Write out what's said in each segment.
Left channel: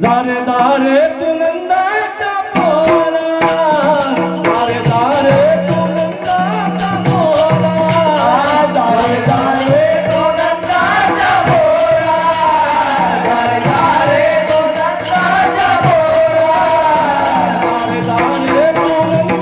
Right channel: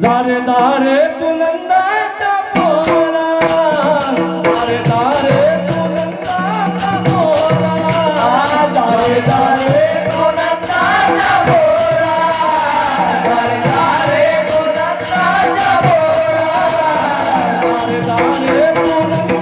दारे दारे तू नंदाच्या पोरा दारे दारे तू नंदाच्या पोरा दारे दारे तू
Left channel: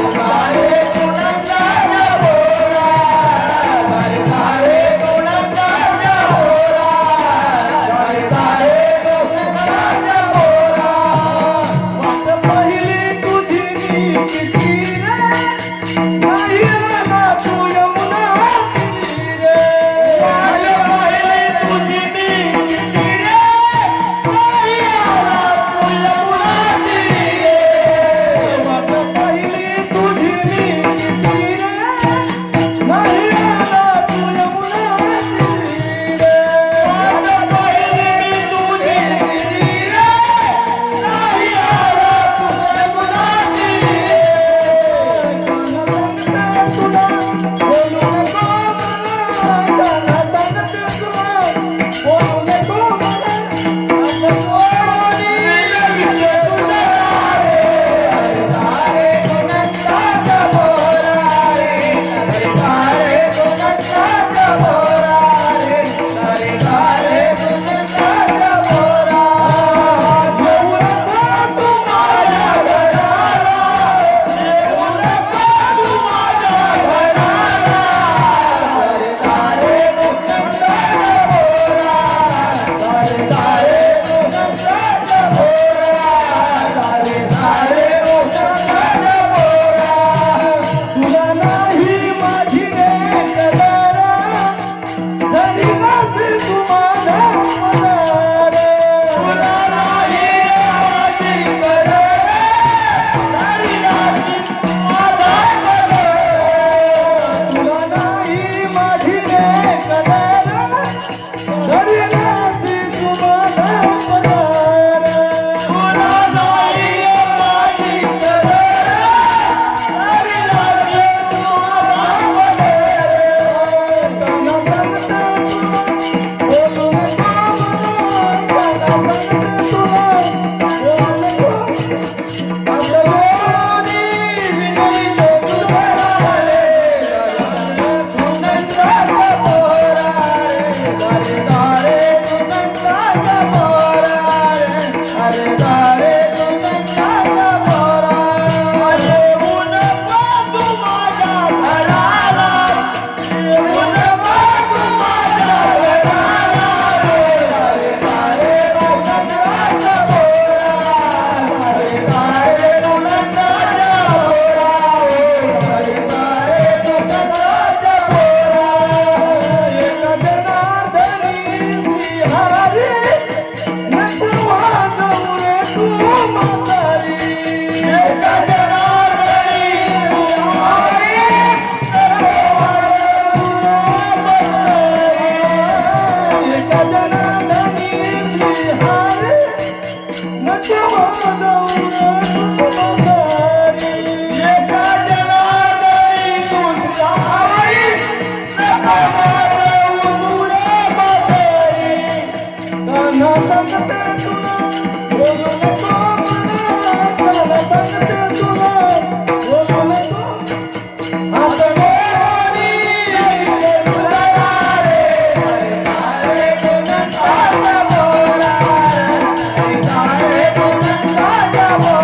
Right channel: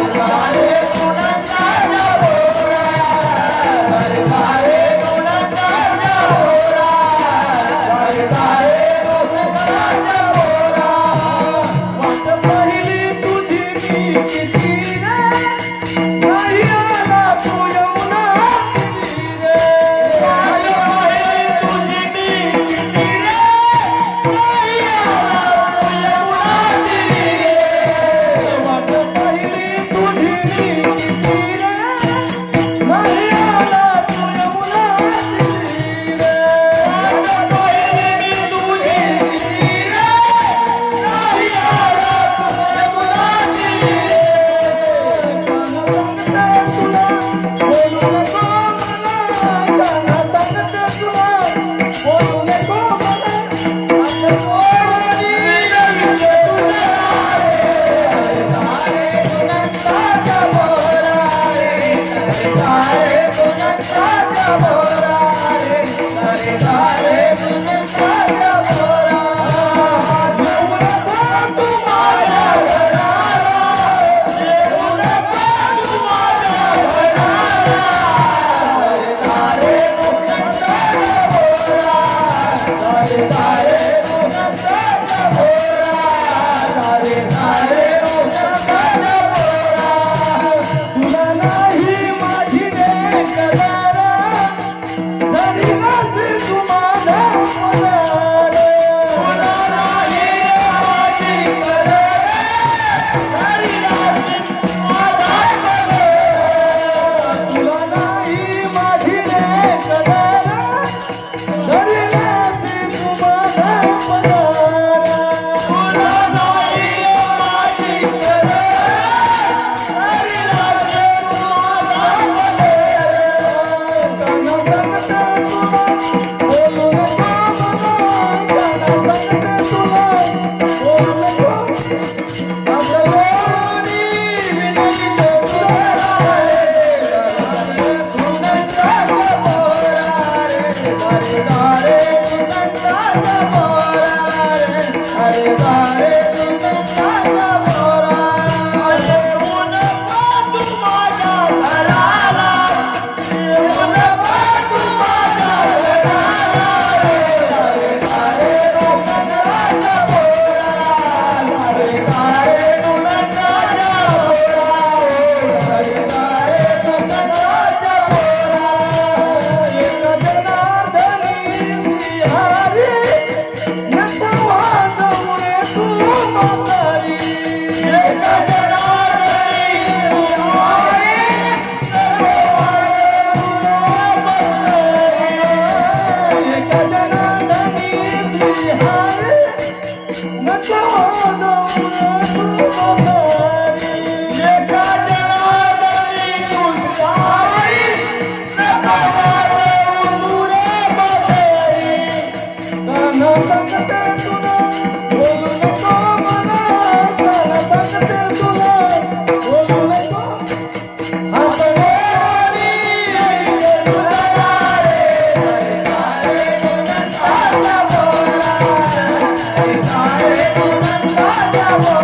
Música Whoa. What What you want know? Oh,